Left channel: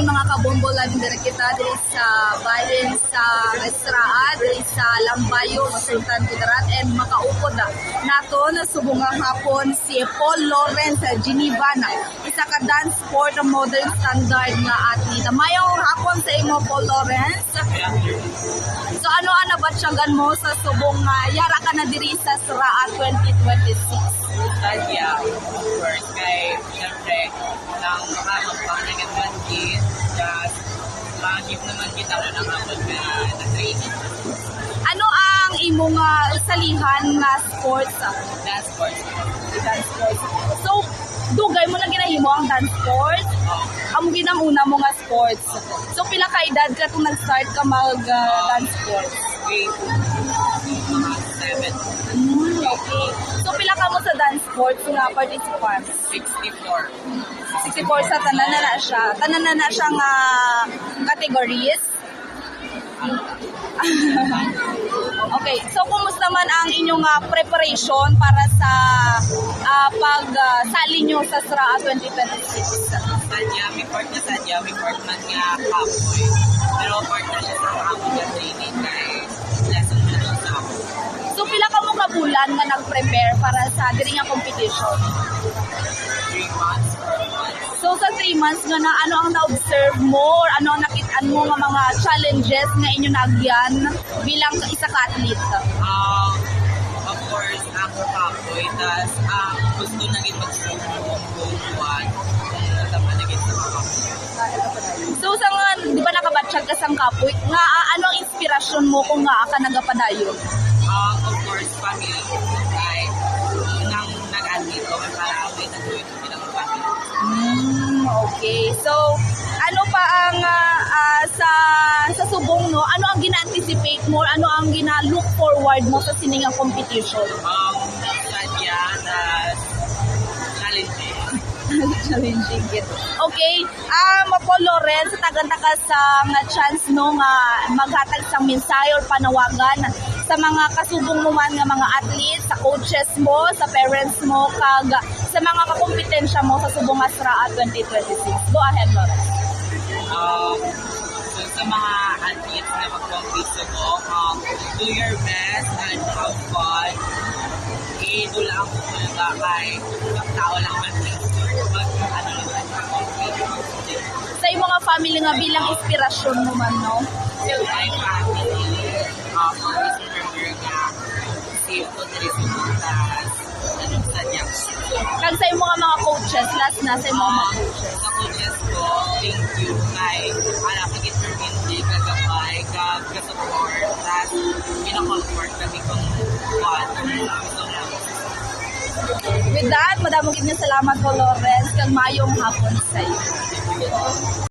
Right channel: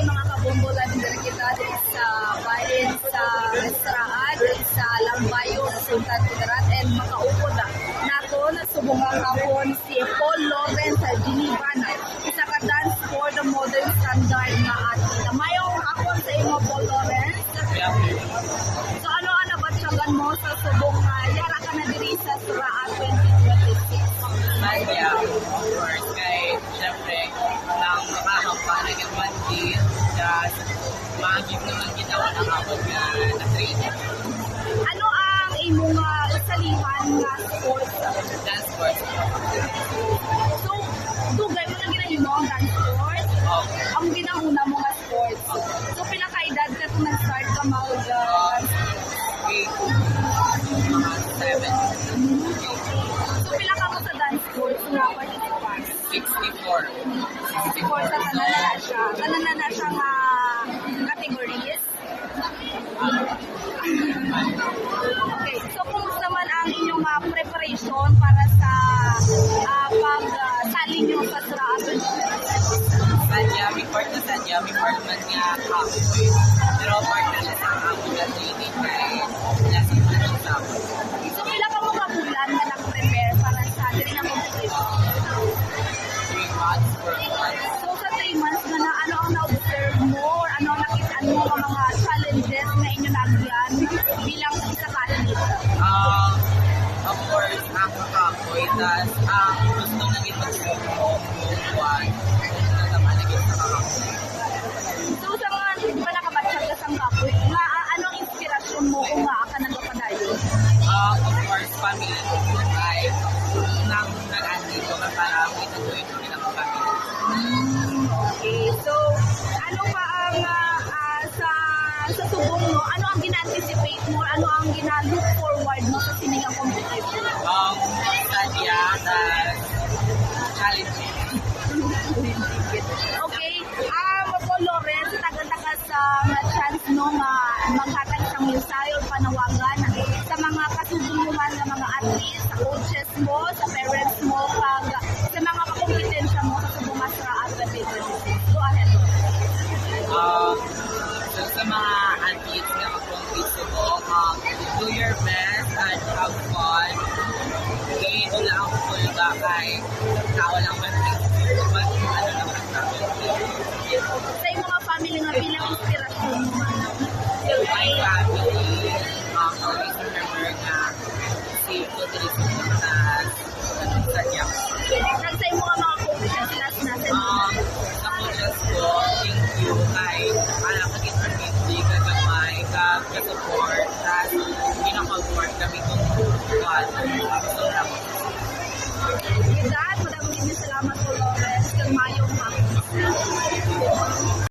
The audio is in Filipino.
hapon mga kabombo, live din kita diri sa bahin sa Estraan, diri sa Lambayo, Sultan Kudarat, and makaupod nato na subungang hapon si Paul Lawrence sa Geneva na isa ka dance sport modern standard nga athlete. Mayong hapon sa imo, Paul Lawrence. So ano batsyagan mo sa subong yara ka na diri sa Sraa 2026? Yeah, of course. Kay, siyempre, nang makahampang na ganyan kid, just makagip naman ginawa ng hapon nga na-training. Ano ang imong usalihan na sports? Dance sports. Dance sports. So, dugay mo na ginahimo ang dance sports? Ang ginamuna mo nga sports. So, pila ka edad ka kung nag-start ka mag-dance sports? Grade mga 7. Okay. So, pila ka mo sa dance sports na participants? 64. 64 sa tanan na siya. Tanan na siyang categories. Okay. So, kumusta man ang inyong preparation para sa pagsali nyo sa Sraa 2026? May part man nga kapoy. Pero part na siya sa hapon na training kay lesson na siya sa hapon. So, pila ka mo kabulan na nag-prepare para sa diri nga competition? 3 months, 4 months. So, sa 3 months nga na, ano ang na-observe mo or ano ang nakitaan mo nga mga challenges na inyo nagyan bilang isa ka athlete? Of course, ako kapoy. Tas, gusto na gin mag-sumo kung kung natama na gin sa kakapoy. So, sa nga, di ba nakabatsyag ka sang kapoy, nga ano ang inspirasyon mo kung nga ka nagapadayon? Of course, family. Kay, nang nag-athlete ko, may para may nag-uwit ko nila mga family. Okay. So, ano pa ang sa subong mo, ano ang gina-anticipate mo, ano ang gina-look forward mo sa siningang competition? Sadya na challenging. Challenging it. Okay. Paul Lawrence, tagan-taga sa nga chance no nga maghatag sa mensahe or panawagan sa mga kasubong mo man nga mga athletes, sa coaches mo, sa parents mo, kag sa mga kakompetensya mo sa subong nga Sraa 2026. Go ahead, Lawrence. So sa mga athletes na mag-compete subong, do your best and have fun. Dula ang full ba kay tao lang man ano lang sa compete. Sa imo nga family nga bilang inspirasyon mo man, no? My family, always remember nga safe to the resultas sa Diyak. Kag sa imo nga mga coaches, last na sa imo mga coaches. Sa coaches ko, thank you kay pagit for hindi kagabay, kag-support, tas pinaka-comfort kami kung gusto lang. With that, madamong salamat po, Lawrence, kag mayong hapon sa iyo.